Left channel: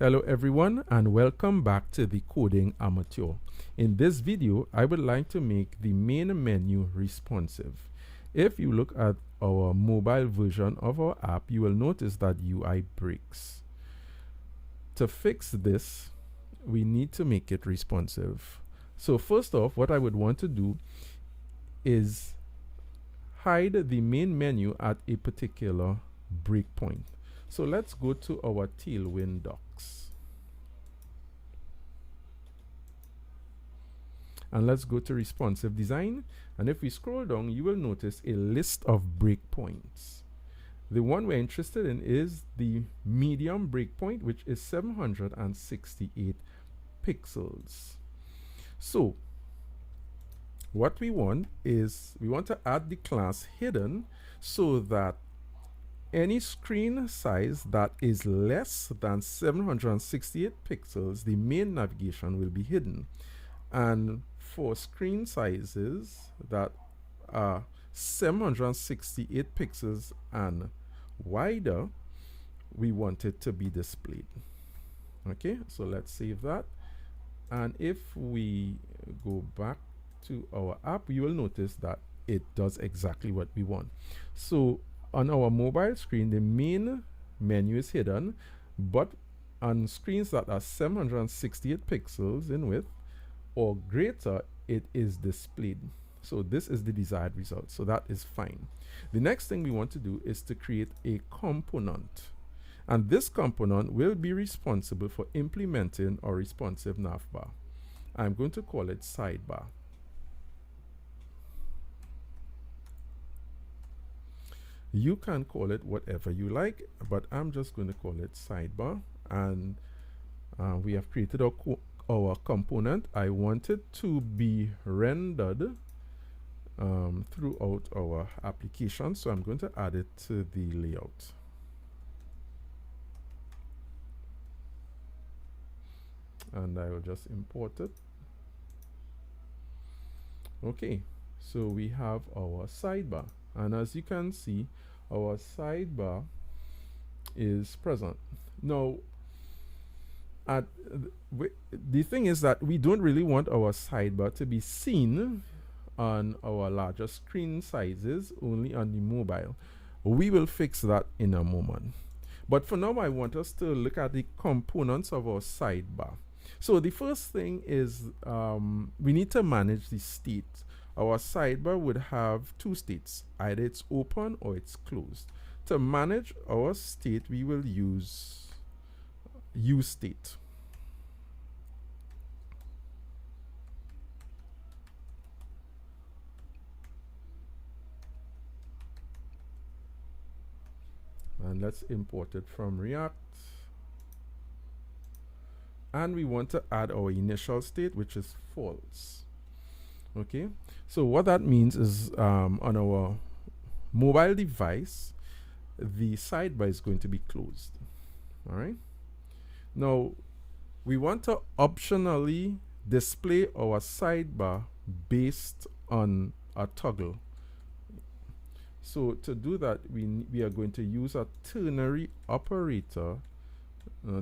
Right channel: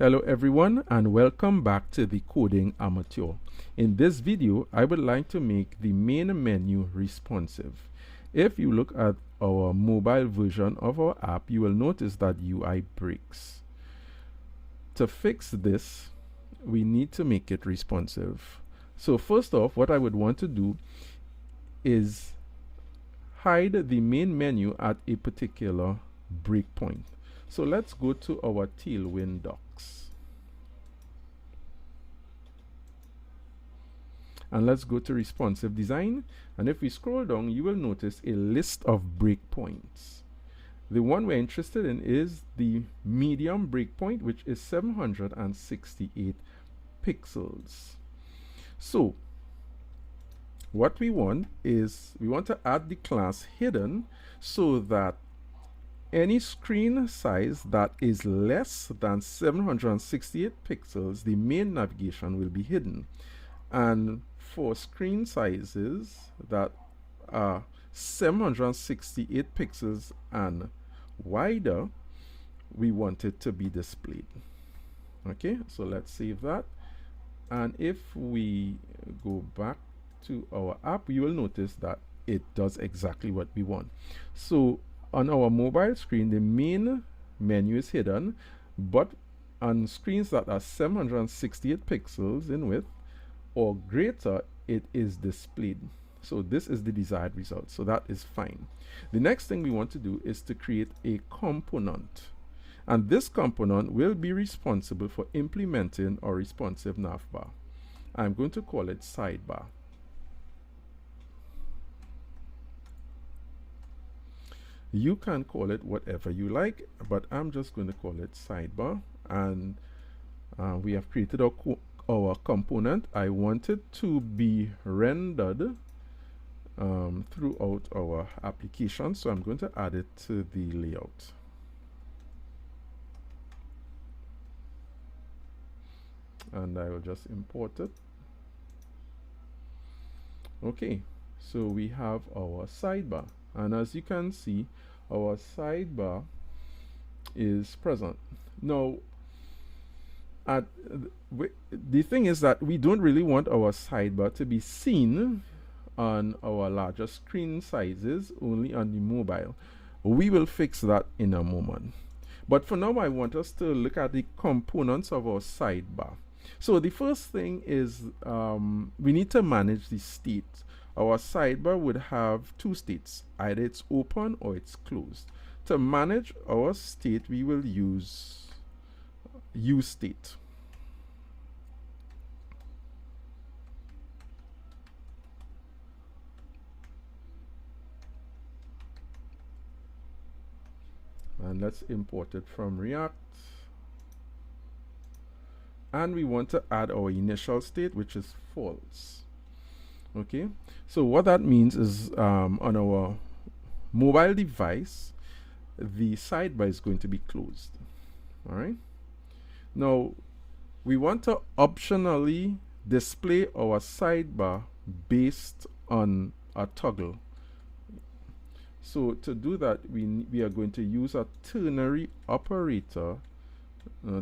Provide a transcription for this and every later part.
Hello everyone and welcome back to the Coding Amateur. In this video, I would like to make the main menu responsive. If you look at our mobile version of our app, you will notice that UI breaks. To fix this, we need to make it responsive. So first off, what I would want to do is hide the main menu at a particular breakpoint. So let's go to our Tailwind docs. And let's go to responsive design. And if we scroll down, you will notice a list of breakpoints. The one we're interested in is the medium breakpoint, which is 768 pixels. So what we want is we want to add the class hidden so that any screen size that is less than 768 pixels, the main navigation will be hidden. And for screen sizes that are 768 pixels and wider, we want it to be displayed. Okay, so let's save that. And if we go back to our app, you will notice that it does exactly what we want. So on our mobile screen, the main menu is hidden, but on screens that are 768 pixels in width or greater, it is displayed. So this is the desired result. So that is fine. The next thing we want to do is to create a component. And this component will be responsible for implementing our responsive navbar. I'm going to call it Sidebar. You can call it whatever you like, but I'm just going to call it Sidebar. And we have created our component. I want it to be rendered throughout our application, so I'm going to add it to the layout. And I will just import it. Okay, so we have our sidebar, and as you can see, our sidebar is present. Now, the thing is that we don't really want our sidebar to be seen on our larger screen sizes, only on the mobile. We will fix that in a moment. But for now, I want us to look at the components of our sidebar. So the first thing is we need to manage the state. Our sidebar would have two states, either it's open or it's closed. To manage our state, we will use state. And let's import it from React. And we want to add our initial state, which is false. Okay, so what that means is on our mobile device, the sidebar is going to be closed. All right. Now, we want to optionally display our sidebar based on a toggle. So to do that, we are going to use a ternary operator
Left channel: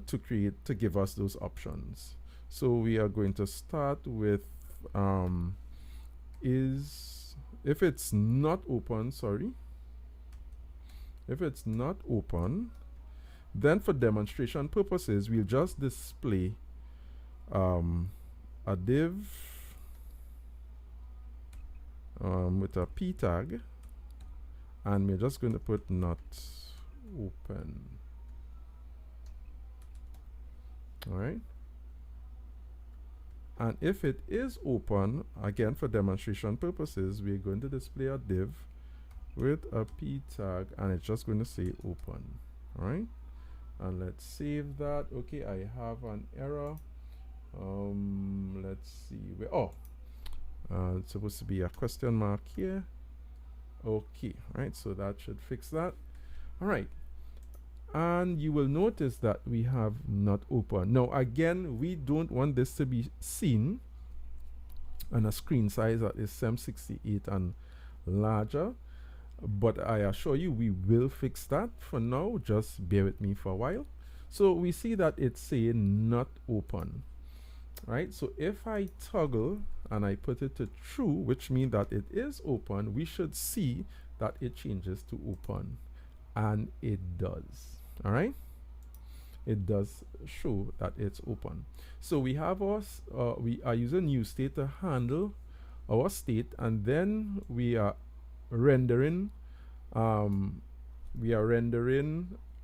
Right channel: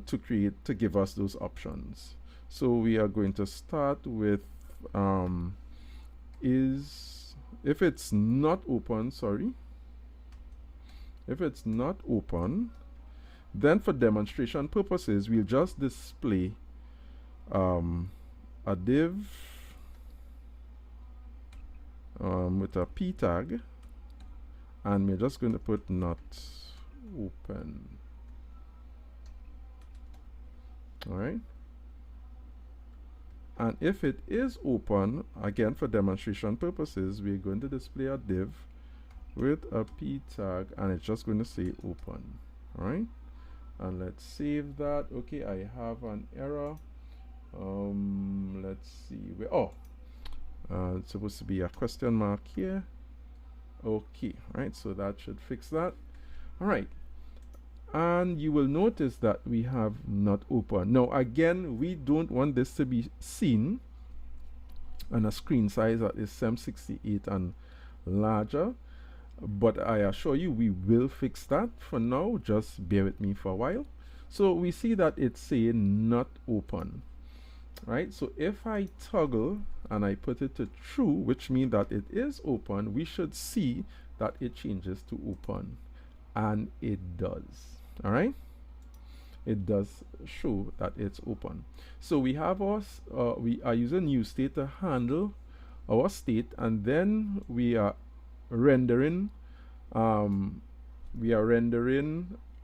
to give us those options. So we are going to start with if it's not open, if it's not open, then for demonstration purposes, we'll just display a div with a p tag, and we're just going to put not open. All right. And if it is open, again for demonstration purposes, we're going to display a div with a p tag, and it's just going to say open. All right. And let's save that. Okay, I have an error. Let's see. It's supposed to be a question mark here. Okay, right. So that should fix that. All right. And you will notice that we have not open. Now again, we don't want this to be seen on a screen size that is 768 and larger, but I assure you we will fix that. For now, just bear with me for a while. So we see that it's saying not open, right? So if I toggle and I put it to true, which means that it is open, we should see that it changes to open, and it does. All right, it does show that it's open. So we have our we are using use state to handle our state, and then we are rendering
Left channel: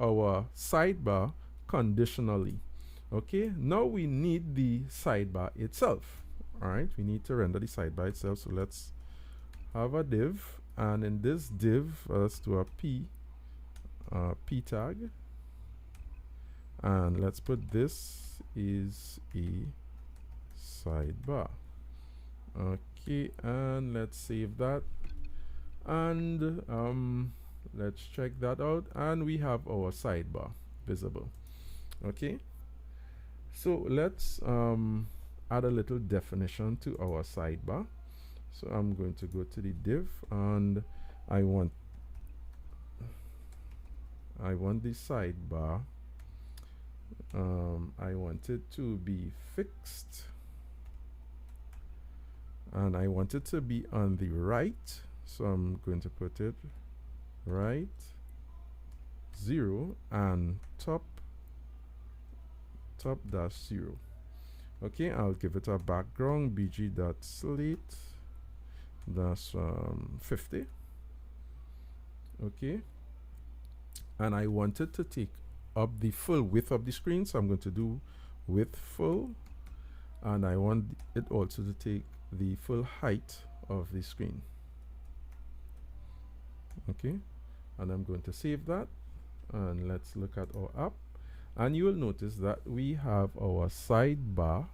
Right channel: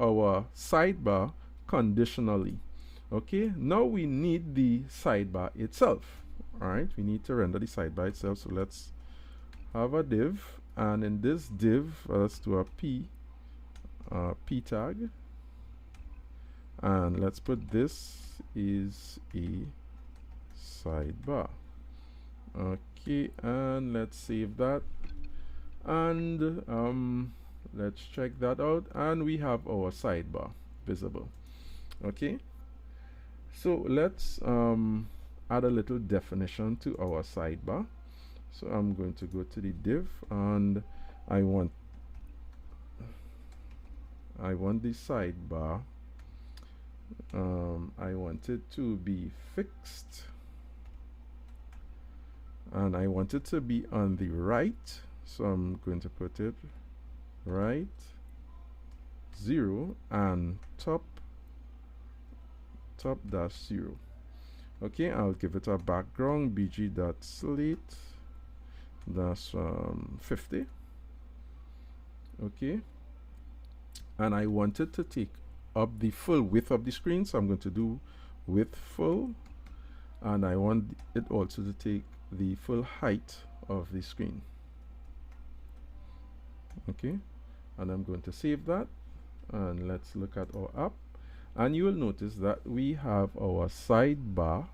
our sidebar conditionally. Okay, now we need the sidebar itself. All right, we need to render the sidebar itself. So let's have a div, and in this div, let's do a p tag, and let's put this is a sidebar. Okay, and let's save that, and let's check that out, and we have our sidebar visible. Okay, so let's add a little definition to our sidebar. So I'm going to go to the div, and I want the sidebar, I want it to be fixed, and I want it to be on the right, so I'm going to put it right 0 and top dash 0. Okay, I'll give it a background bg.slate dash 50. Okay, and I want it to take up the full width of the screen, so I'm going to do width full, and I want it also to take the full height of the screen. Okay, and I'm going to save that, and let's look at our app, and you will notice that we have our sidebar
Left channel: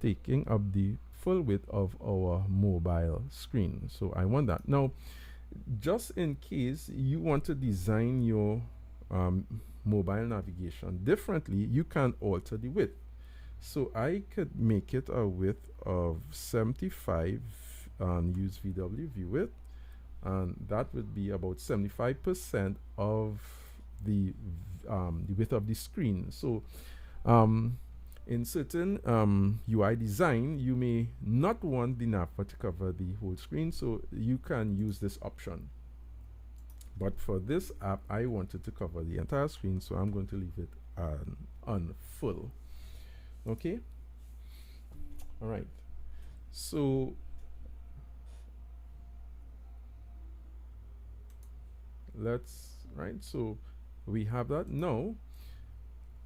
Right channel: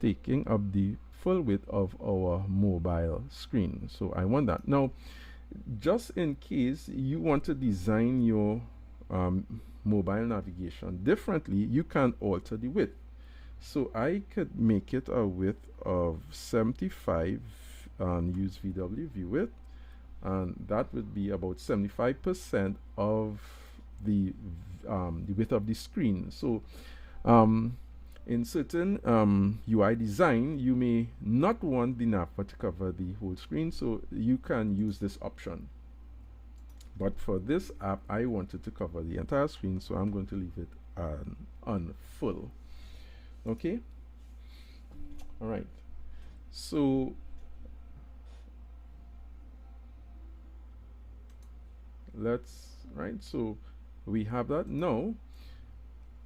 taking up the full width of our mobile screen. So I want that. Now, just in case you want to design your mobile navigation differently, you can alter the width. So I could make it a width of 75 and use VW view width, and that would be about 75% of the width of the screen. So in certain UI design, you may not want the navbar to cover the whole screen, so you can use this option. But for this app, I wanted to cover the entire screen, so I'm going to leave it on full. Okay, all right, so so we have that. Now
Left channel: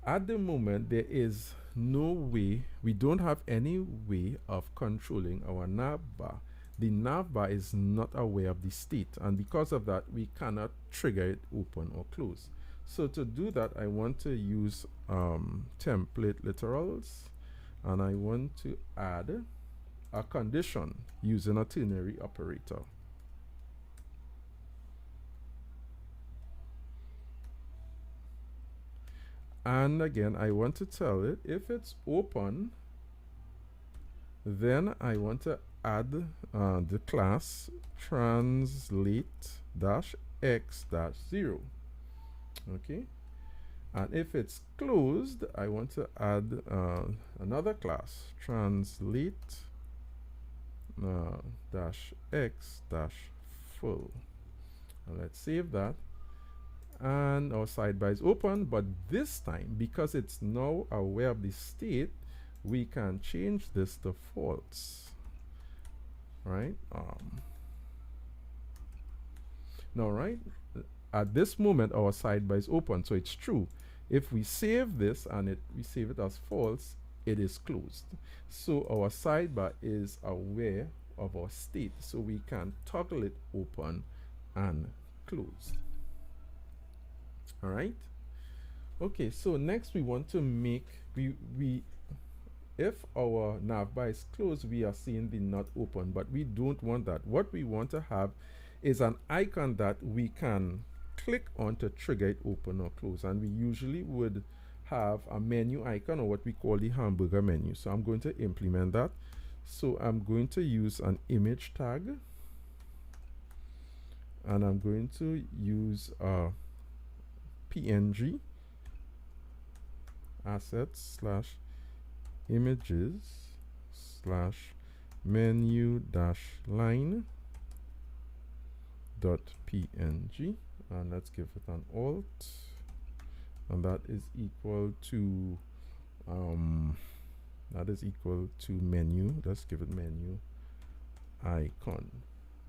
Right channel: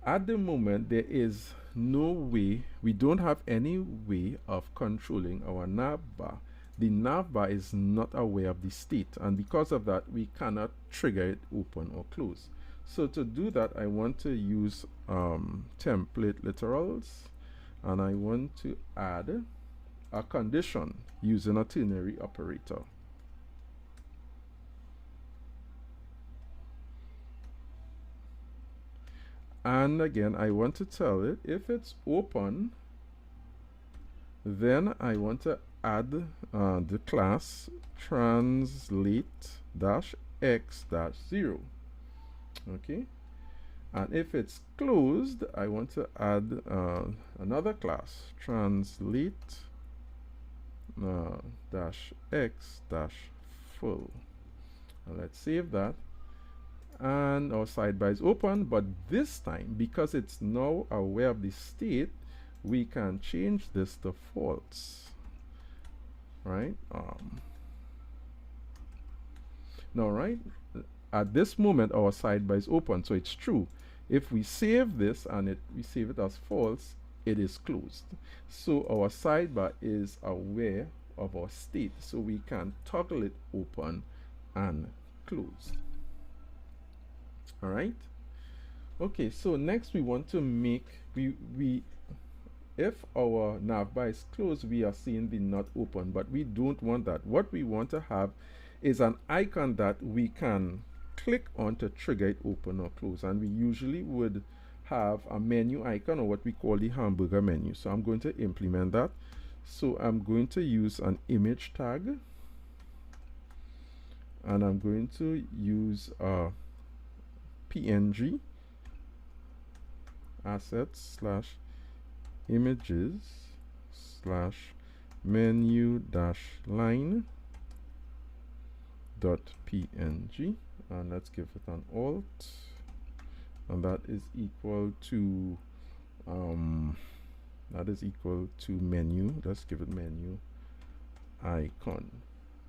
at the moment, there is no way, we don't have any way of controlling our navbar. The navbar is not aware of the state, and because of that, we cannot trigger it open or close. So to do that, I want to use template literals, and I want to add a condition using a ternary operator. And again, I want to tell it if it's open, then I want to add the class translate-x-0. Okay, and if it's closed, I want to add another class, translate-x-full. Let's save that, and our sidebar is open. But this time, because it's now aware of the state, we can change this to false, right? Now, right at this moment, our sidebar is open, so it's true. If we save this and we save it as false, it is closed. So our sidebar is aware of our state, so we can toggle it open and closed. All right. Okay, so next we want to make if our navbar is closed, we are seeing the not open, but we don't want that. What we want to have is an icon that we can click on to trigger it open or close, and we usually would have a menu icon, or what we call the hamburger menu. So I'm going to implement that. So I'm going to use an image tag, and I'm going to use a PNG, assets slash images slash menu dash line dot png, and let's give it an alt, and that is equal to menu. Let's give it menu icon.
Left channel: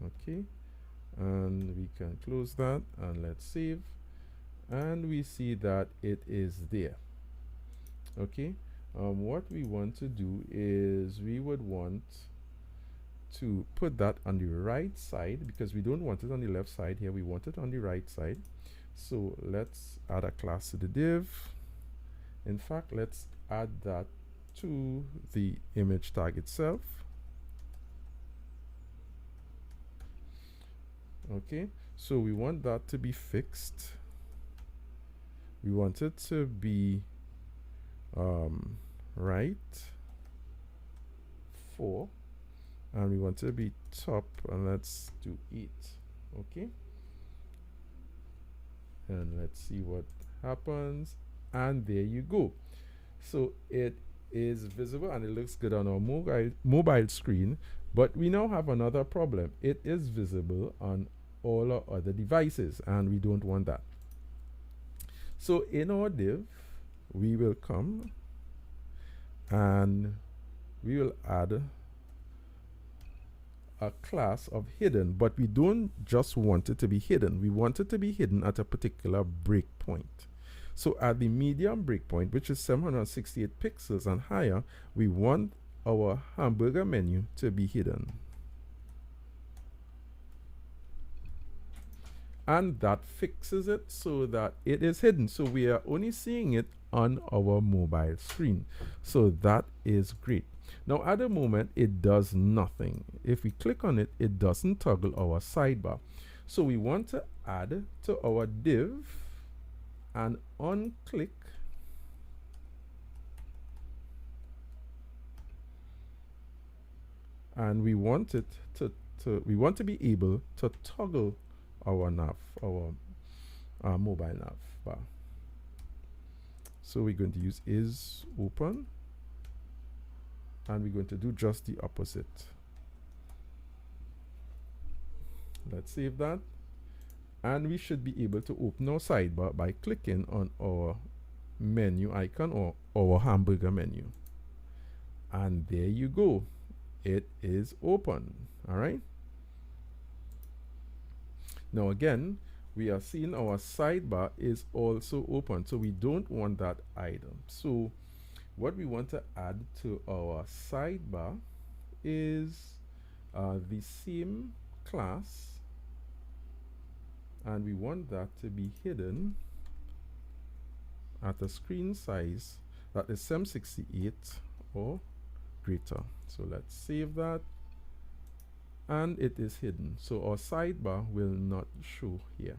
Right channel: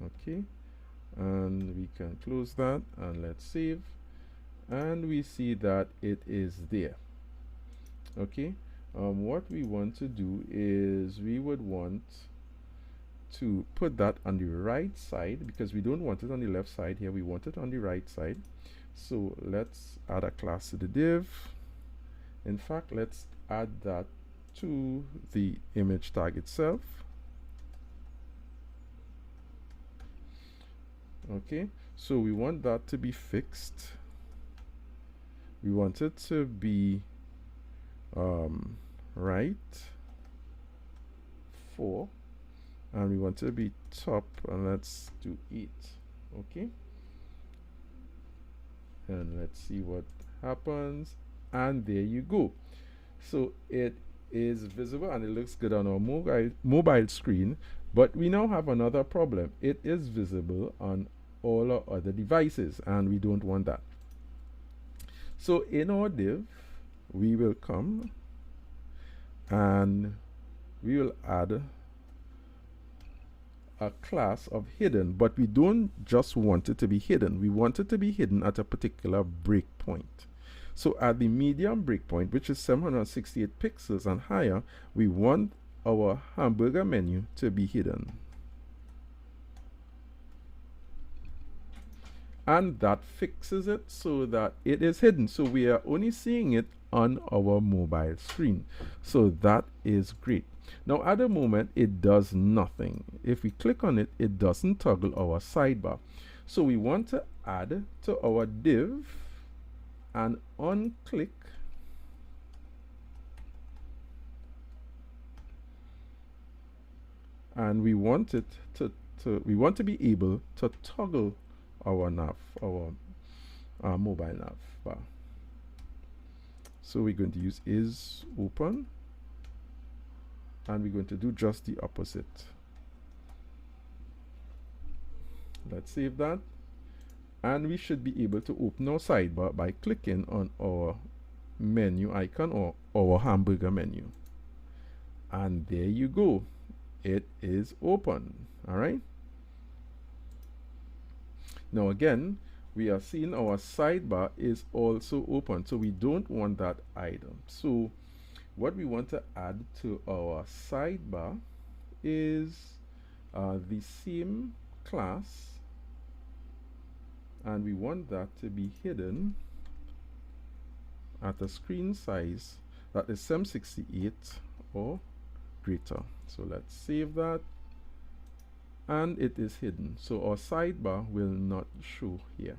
Okay, and we can close that, and let's save, and we see that it is there. Okay, what we want to do is we would want to put that on the right side, because we don't want it on the left side here, we want it on the right side. So let's add a class to the div. In fact, let's add that to the image tag itself. Okay, so we want that to be fixed. We want it to be right 4, and we want it to be top, and let's do 8. Okay, and let's see what happens, and there you go. So it is visible and it looks good on our mobile screen, but we now have another problem. It is visible on all our other devices, and we don't want that. So in our div, we will come and we will add a class of hidden, but we don't just want it to be hidden. We want it to be hidden at a particular breakpoint. So at the medium breakpoint, which is 768 pixels and higher, we want our hamburger menu to be hidden. And that fixes it so that it is hidden. So we are only seeing it on our mobile screen. So that is great. Now at the moment, it does nothing. If we click on it, it doesn't toggle our sidebar. So we want to add to our div and unclick and we want it to be able to toggle our nav, our mobile nav bar. So we're going to use is open, and we're going to do just the opposite. Let's save that, and we should be able to open our sidebar by clicking on our menu icon or our hamburger menu, and there you go, it is open. All right, now again we are seeing our sidebar is also open, so we don't want that item. So what we want to add to our sidebar is the same class, and we want that to be hidden at a screen size that is 768 or greater. So let's save that, and it is hidden, so our sidebar will not show here.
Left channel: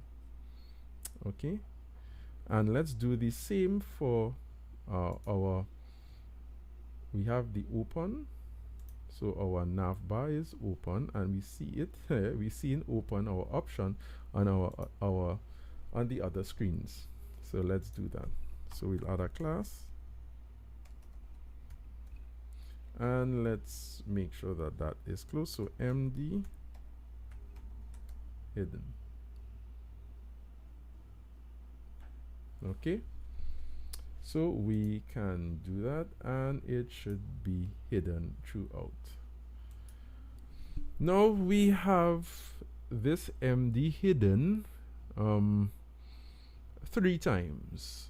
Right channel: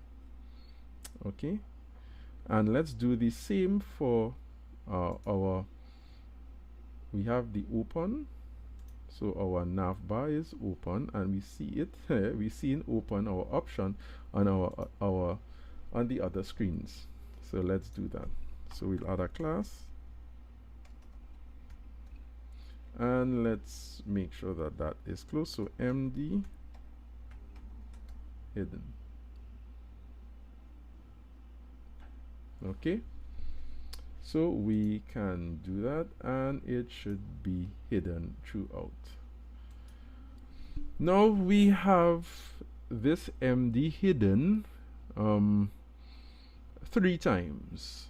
Okay, and let's do the same for we have the open, so our navbar is open, and we see it we see in open our option on on the other screens. So let's do that. So we'll add a class, and let's make sure that that is closed. So md hidden. Okay, so we can do that, and it should be hidden throughout. Now we have this md hidden 3 times,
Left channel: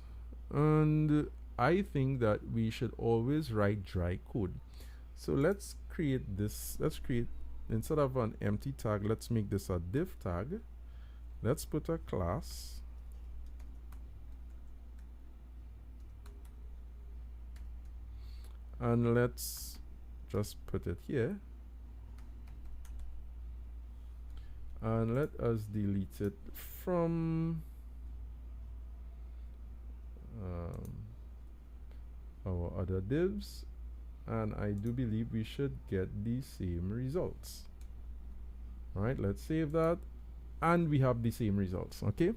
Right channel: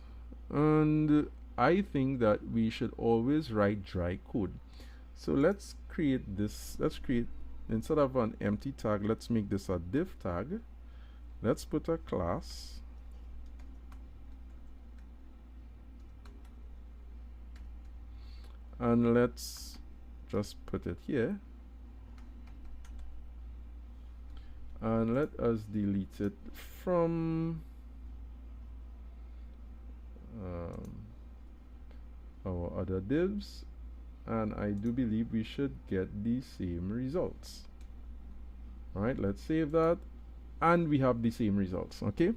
and I think that we should always write dry code. So let's create this. Let's create, instead of an empty tag, let's make this a div tag. Let's put a class, and let's just put it here, and let us delete it from our other divs, and I do believe we should get the same results. All right, let's save that, and we have the same results. Okay,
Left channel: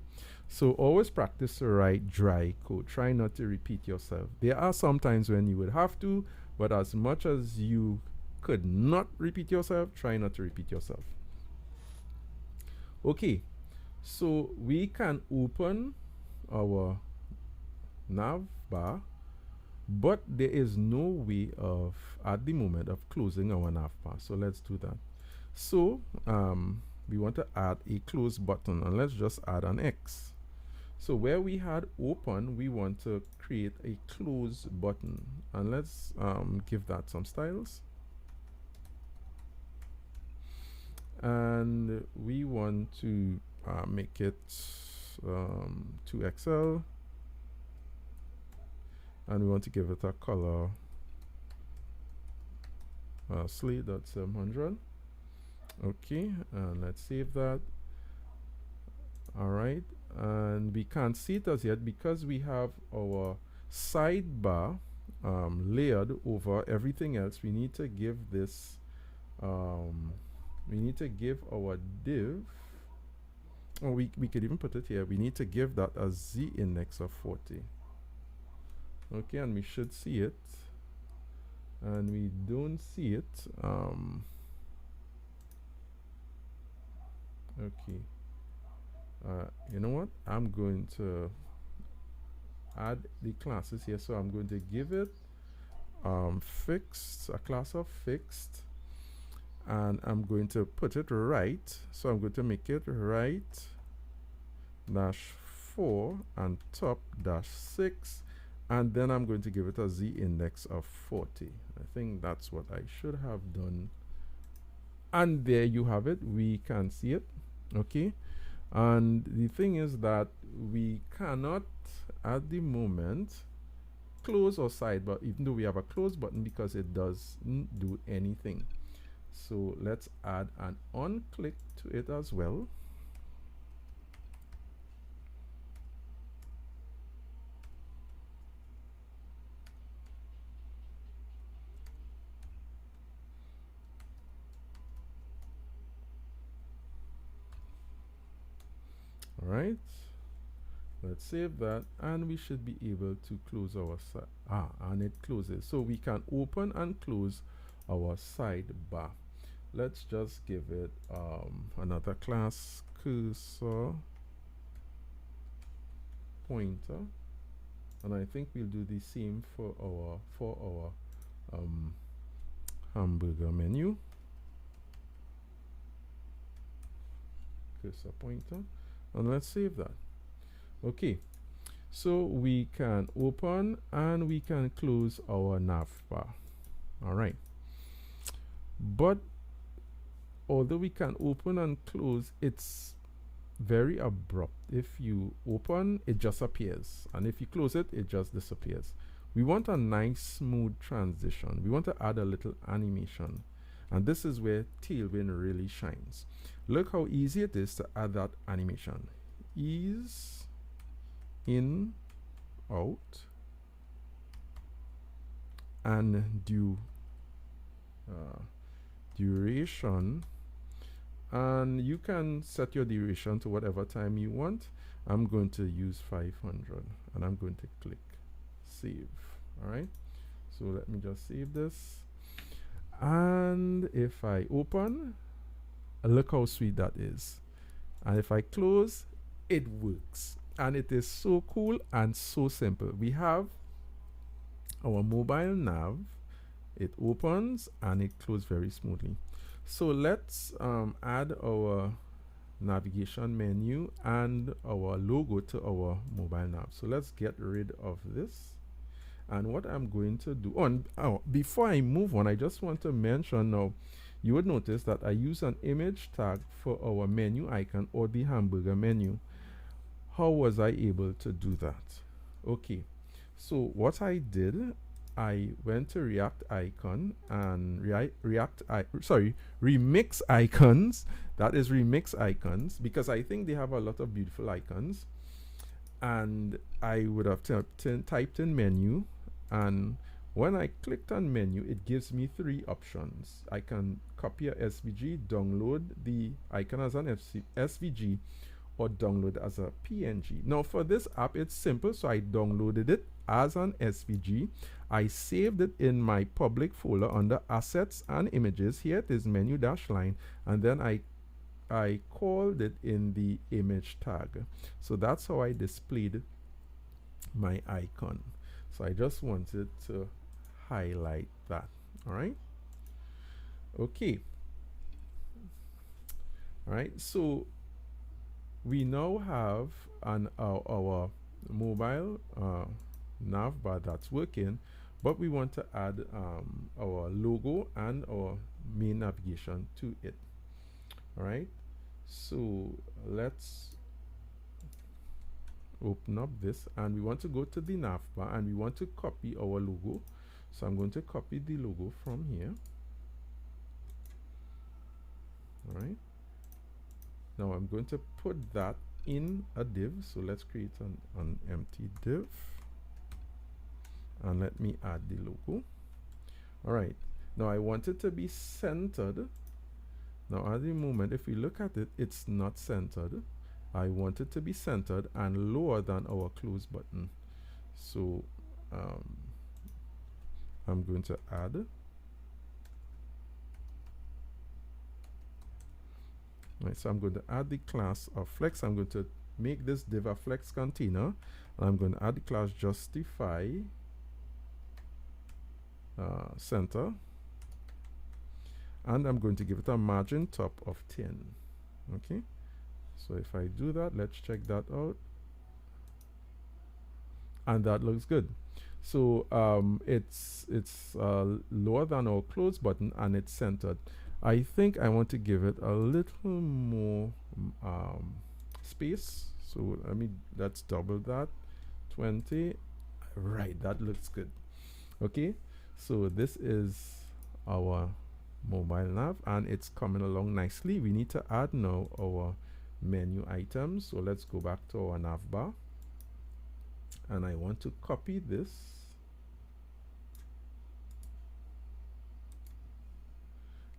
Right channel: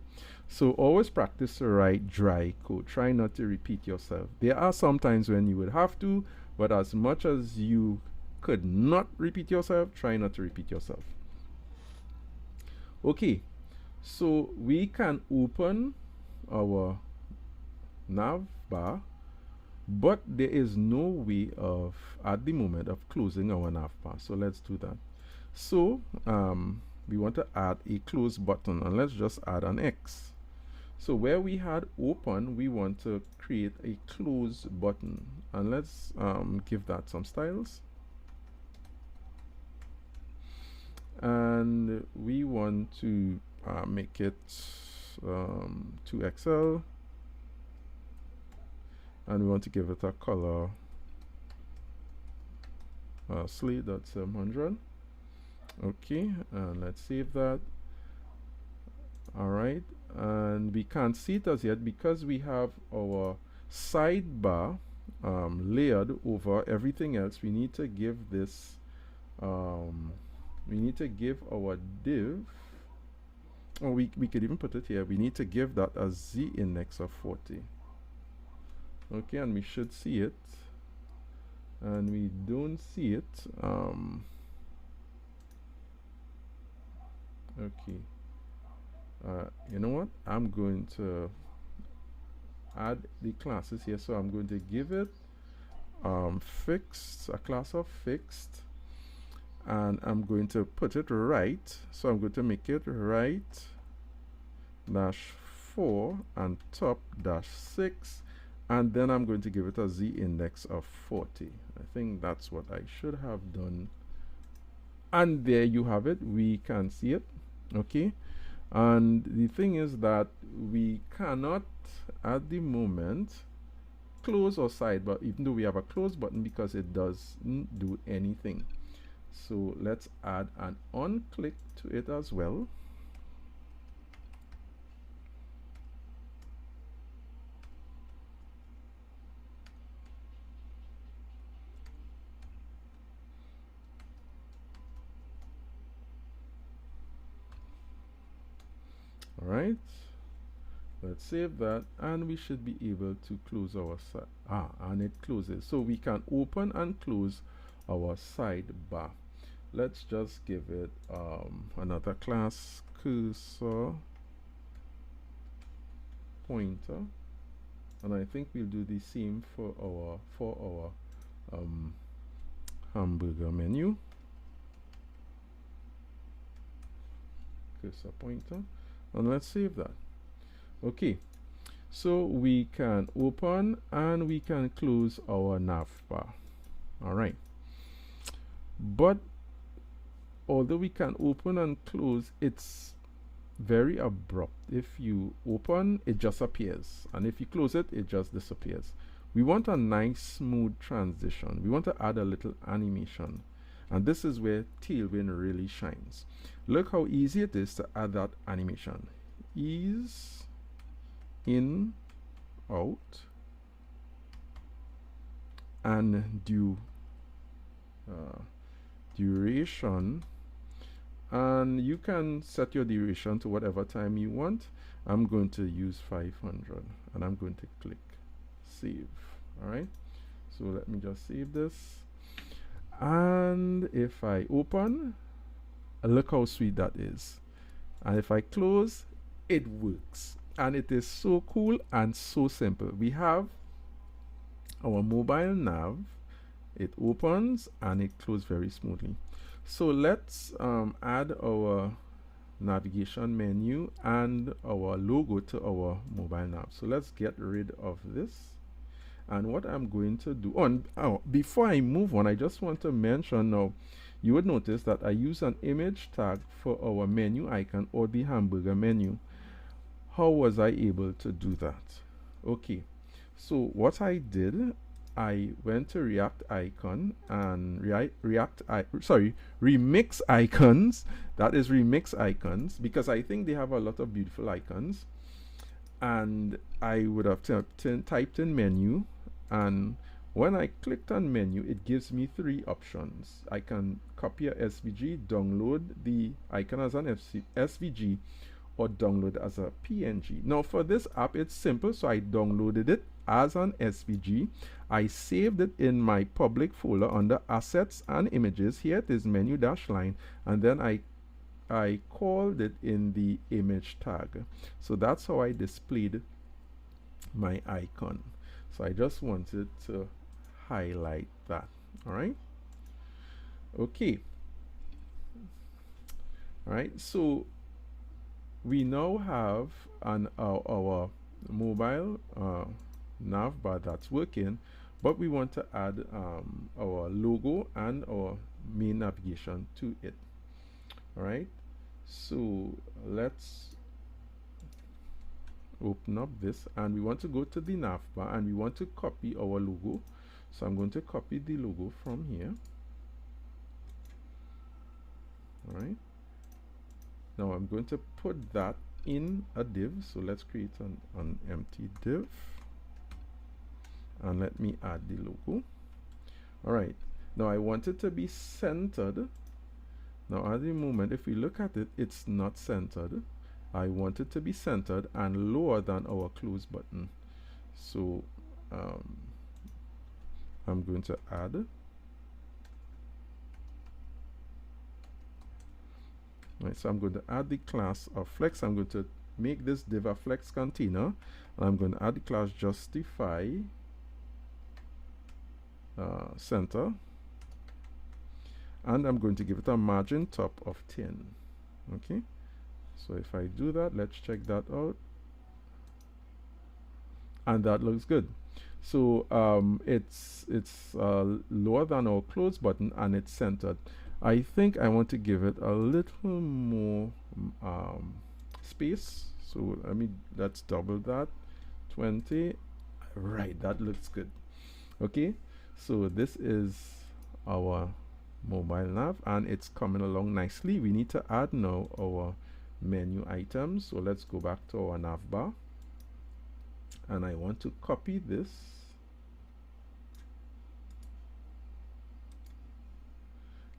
so always practice to write dry code. Try not to repeat yourself. There are some times when you would have to, but as much as you could not repeat yourself, try not to repeat yourself. Okay, so we can open our Navbar, but there is no way of, at the moment, of closing our Navbar. So let's do that. So we want to add a close button, and let's just add an X. So where we had open, we want to create a close button, and let's give that some styles. And we want to make it 2XL, and we want to give it a color Slate.700. Okay, and let's save that. All right, and we can't see it as yet because we have our sidebar layered over everything else. We need to give this we need to give our div, or we could even put it here. We need to give that a z index of 40. Okay, and we should see it, and we don't see it. Okay, you know what, I'm going to add the classes here. So I'm going to give it fixed, a class of fixed, and I'm going to put it right. So I'm going to make it right -4 and top -6, and then I'm going to give it a z index of 40. I think that's what I should have done, and there you have it. We can see it. Okay, and the thing is that we cannot at the moment close our sidebar, even though we have a close button, because it doesn't do anything. So let's add an on click to it as well. All right, let's save that, and we should be able to close our and it closes. So we can open and close our sidebar. Let's just give it another class, cursor pointer, and I think we'll do the same for our hamburger menu. Cursor pointer, and let's save that. Okay, so we can open and we can close our navbar. All right, but although we can open and close, it's very abrupt. If you open, it just appears, and if you close it, it just disappears. We want a nice smooth transition. We want to add a little animation, and this is where Tailwind really shines. Look how easy it is to add that animation. Ease, in, out, and duration, and you can set your duration to whatever time you want. I'm going to use 500, and I'm going to click save. All right, so let me just save this, and if I open, look how sweet that is, and if I close, it works, and it is so cool and so simple. We have our mobile nav, it opens and it closes very smoothly. So let's add our navigation menu and our logo to our mobile nav. So let's get rid of this, and what I'm going to do before I move on, I just want to mention now, you would notice that I use an image tag for our menu icon, or the hamburger menu. How was I able to do that? Okay, so what I did, I went to React Icon and Remix Icons. That is Remix Icons, because I think they have a lot of beautiful icons, and I would have typed in menu, and When I clicked on menu, it gives me three options. I can copy a SVG, download the icon as an SVG, or download as a PNG. Now for this app, it's simple. So I downloaded it as an SVG. I saved it in my public folder under assets and images. Here it is, menu dash line, and then I called it in the image tag. So that's how I displayed my icon. So I just wanted to highlight that. All right. Okay. All right. So we now have our mobile navbar that's working, but we want to add our logo and our main navigation to it. All right. So let's open up this, and we want to go to the navbar and we want to copy our logo. So I'm going to copy the logo from here. All right. Now I'm going to put that in a div. So let's create an empty div, and let me add the logo. All right. Now I want it to be centered. Now at the moment, if we look at it, it's not centered. I want it to be centered and lower than our close button. So I'm going to add. Right, so I'm going to add the class of flex. I'm going to make this div a flex container, and I'm going to add the class justify center, and I'm going to give it a margin top of 10. Okay, so if I do that, let's check that out, and that looks good. So it's lower than our close button, and it's centered. I think I want to give it a little more space. So let's double that, 20. Right, that looks good. Okay, so this is our mobile nav, and it's coming along nicely. We need to add now our menu items. So let's go back to our navbar, and I want to copy this,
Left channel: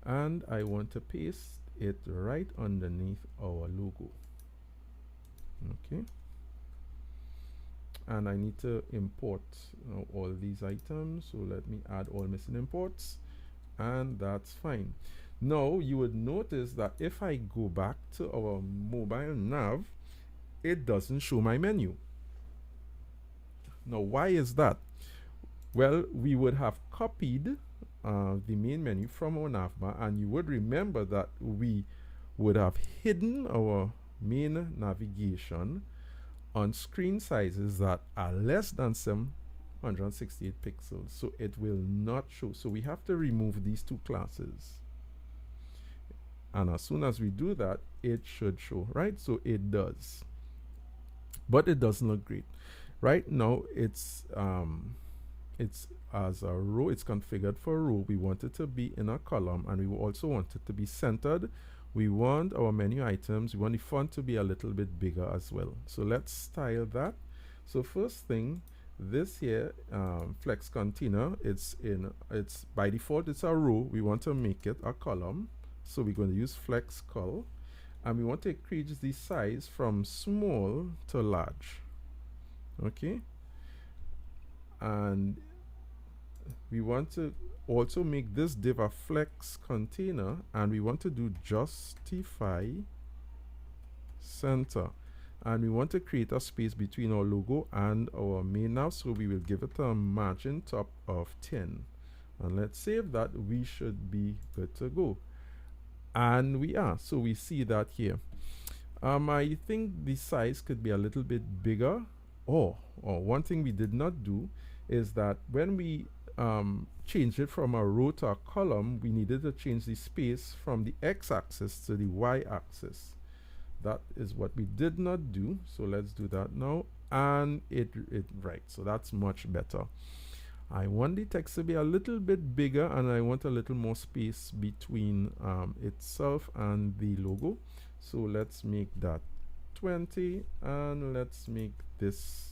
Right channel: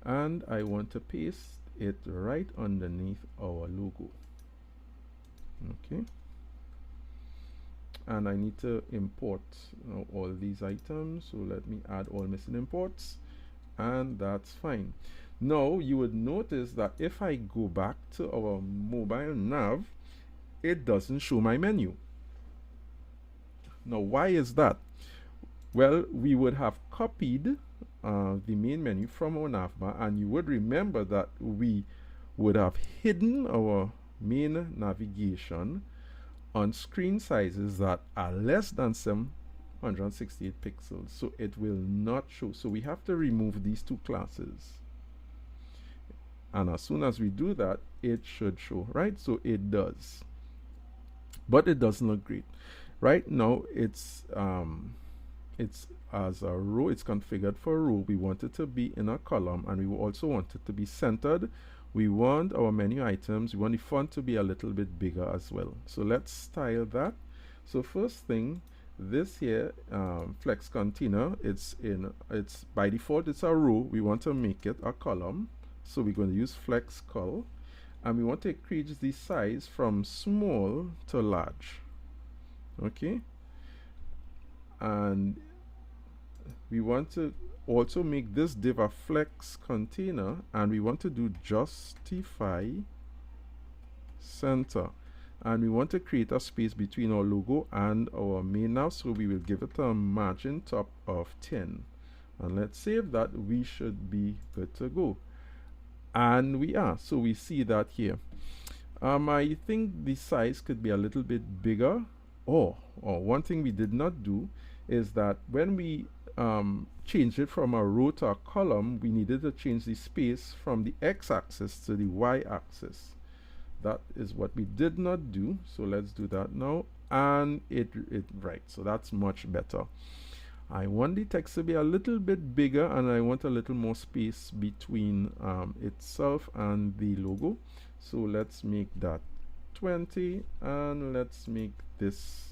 and I want to paste it right underneath our logo. Okay, and I need to import all these items. So let me add all missing imports, and that's fine. Now you would notice that if I go back to our mobile nav, it doesn't show my menu. Now why is that? Well, we would have copied the main menu from our navbar, and you would remember that we would have hidden our main navigation on screen sizes that are less than 768 pixels, so it will not show. So we have to remove these two classes, and as soon as we do that, it should show, right? So it does, but it doesn't look great. Right now it's as a row. It's configured for a row. We want it to be in a column, and we also want it to be centered. We want our menu items, we want the font to be a little bit bigger as well. So let's style that. So first thing, this here flex container, it's by default it's a row. We want to make it a column, so we're going to use flex col, and we want to increase the size from small to large. Okay, and we want to also make this div a flex container, and we want to do justify center, and we want to create a space between our logo and our main nav, so we will give it a margin top of 10, and let's save that. We should be good to go, and we are. So we see that here. I think the size could be a little bit bigger. Or one thing we did not do is that when we changed it from a row to a column, we needed to change the space from the x-axis to the y-axis. That is what we did not do. So let's do that now, and right, so that's much better. I want the text to be a little bit bigger, and I want a little more space between itself and the logo. So let's make that 20, and let's make this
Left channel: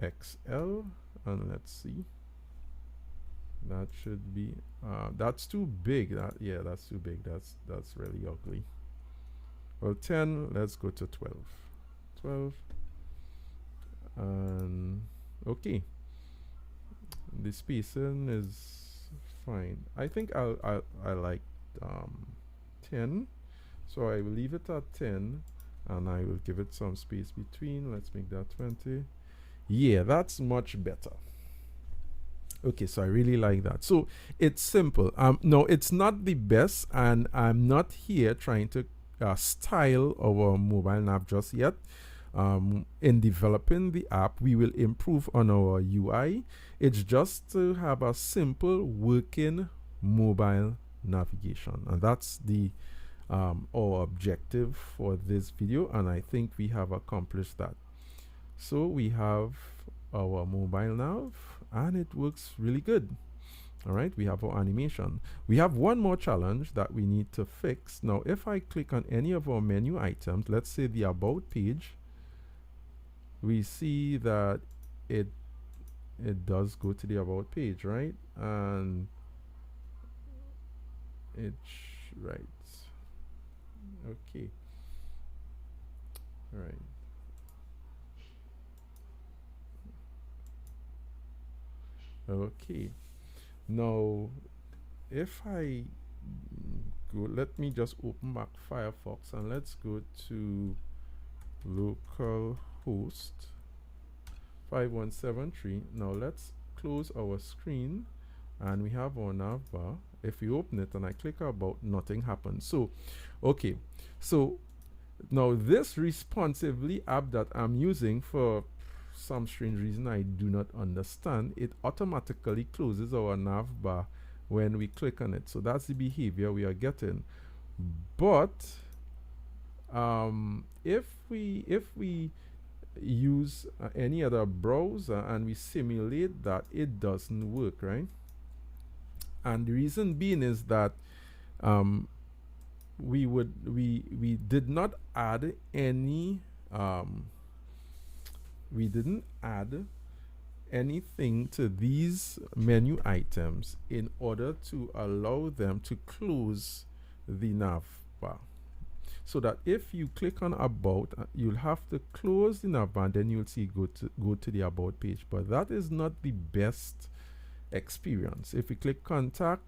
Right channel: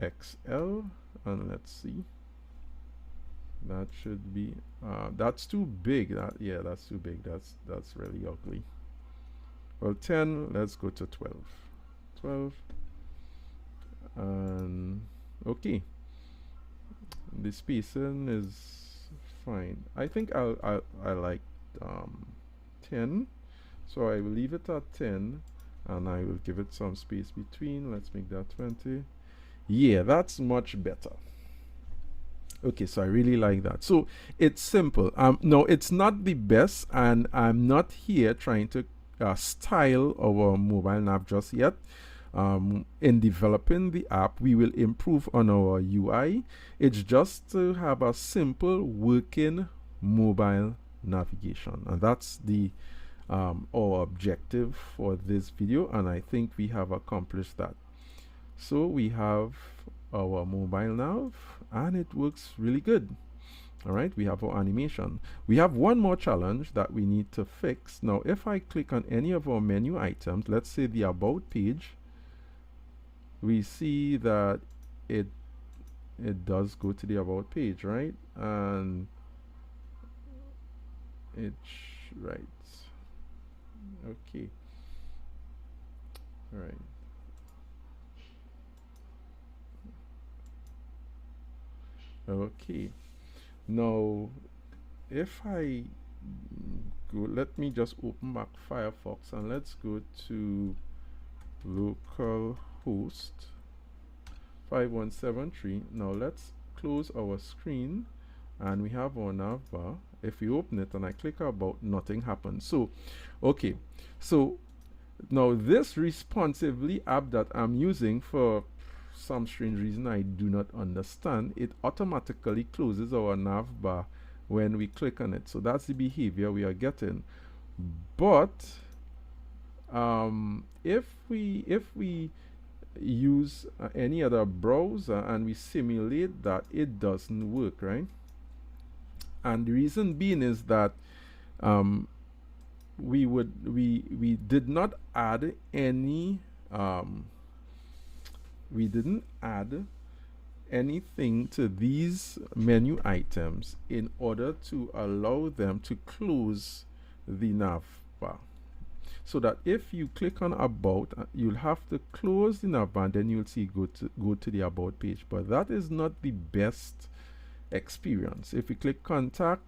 XL, and let's see. That should be that's too big. That, yeah, that's too big. That's really ugly. Well, 10, let's go to 12. 12. And okay, the spacing is fine. I think I like 10, so I will leave it at 10, and I will give it some space between. Let's make that 20. Yeah, that's much better. Okay, so I really like that. So it's simple. No, it's not the best, and I'm not here trying to style our mobile nav just yet. In developing the app, we will improve on our UI. It's just to have a simple working mobile navigation, and that's the our objective for this video, and I think we have accomplished that. So we have our mobile nav, and it works really good. All right, we have our animation. We have one more challenge that we need to fix. Now, if I click on any of our menu items, let's say the About page, we see that it does go to the About page, right? And it's right. Okay. All right. Okay. Now, if I go, let me just open back Firefox and let's go to localhost 5173. Now let's close our screen, and we have our navbar. If we open it and I click About, nothing happens. So, okay. So now this responsively app that I'm using, for some strange reason I do not understand, it automatically closes our navbar when we click on it. So that's the behavior we are getting. But if we use any other browser and we simulate that, it doesn't work, right? And the reason being is that we did not add any we didn't add anything to these menu items in order to allow them to close the navbar. So that if you click on About, you'll have to close the navbar, and then you'll see go to the About page. But that is not the best experience. If you click Contact,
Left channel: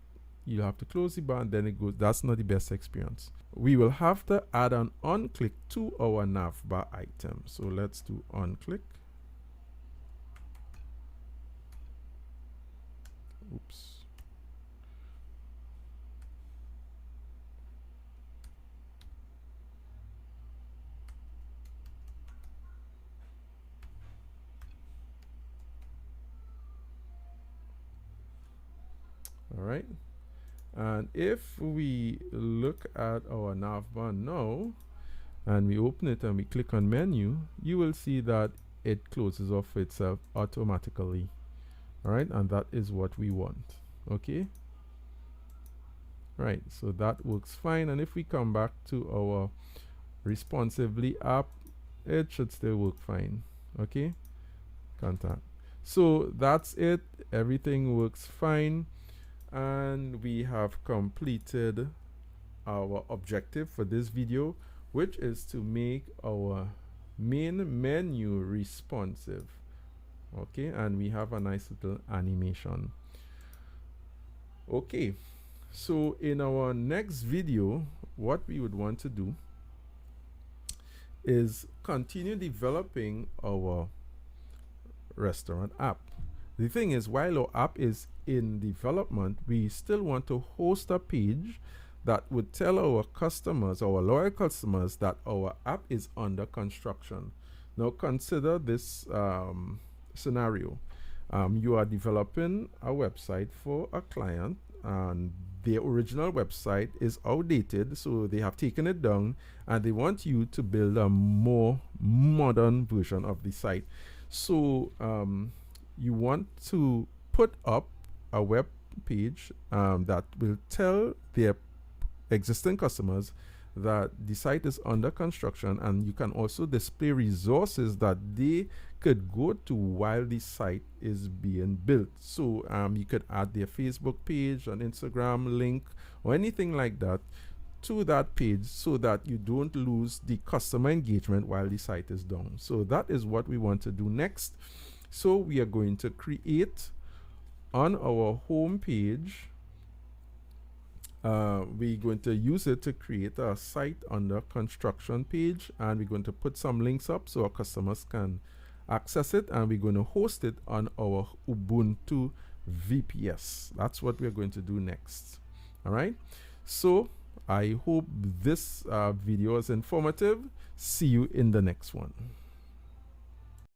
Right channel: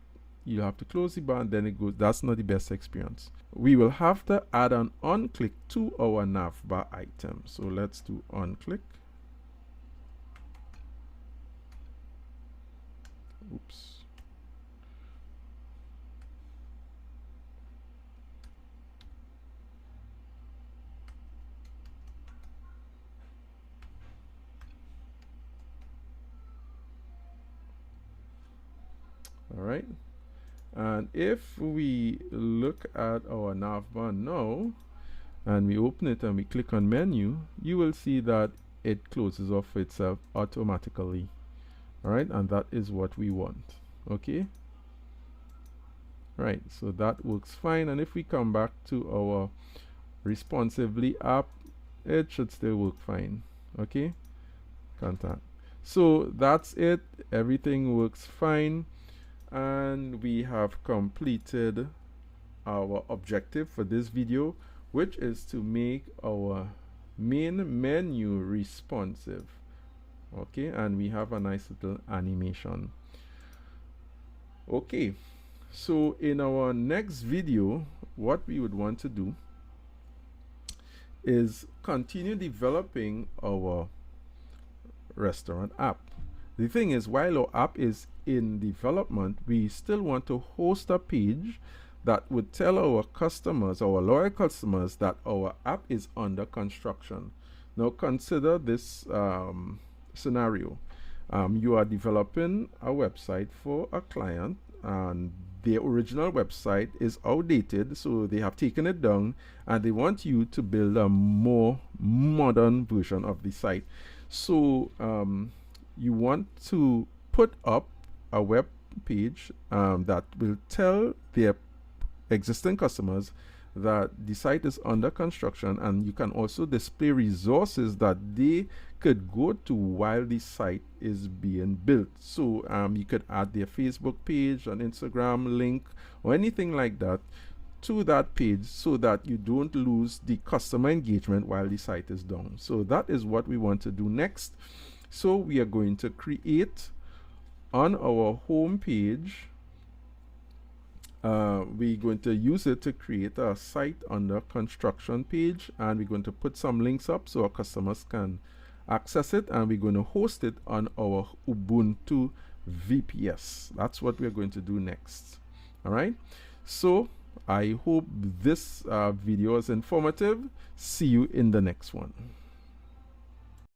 you have to close the bar, and then it goes. That's not the best experience. We will have to add an on-click to our navbar item. So let's do on-click. Oops. All right. And if we look at our navbar now, and we open it and we click on menu, you will see that it closes off itself automatically. All right, and that is what we want. Okay. Right, so that works fine. And if we come back to our responsively app, it should still work fine. Okay, contact. So that's it. Everything works fine, and we have completed our objective for this video, which is to make our main menu responsive. Okay, and we have a nice little animation. Okay, so in our next video, what we would want to do is continue developing our restaurant app. The thing is, while our app is in development, we still want to host a page that would tell our customers, our loyal customers, that our app is under construction. Now consider this scenario. You are developing a website for a client, and their original website is outdated, so they have taken it down, and they want you to build a more modern version of the site. So you want to put up a web page that will tell their existing customers that the site is under construction, and you can also display resources that they could go to while the site is being built. So you could add their Facebook page, an Instagram link, or anything like that to that page, so that you don't lose the customer engagement while the site is down. So that is what we want to do next. So we are going to create on our home page, we're going to use it to create a site on the construction page, and we're going to put some links up so our customers can access it, and we're going to host it on our Ubuntu VPS. That's what we're going to do next. All right, so I hope this video is informative. See you in the next one.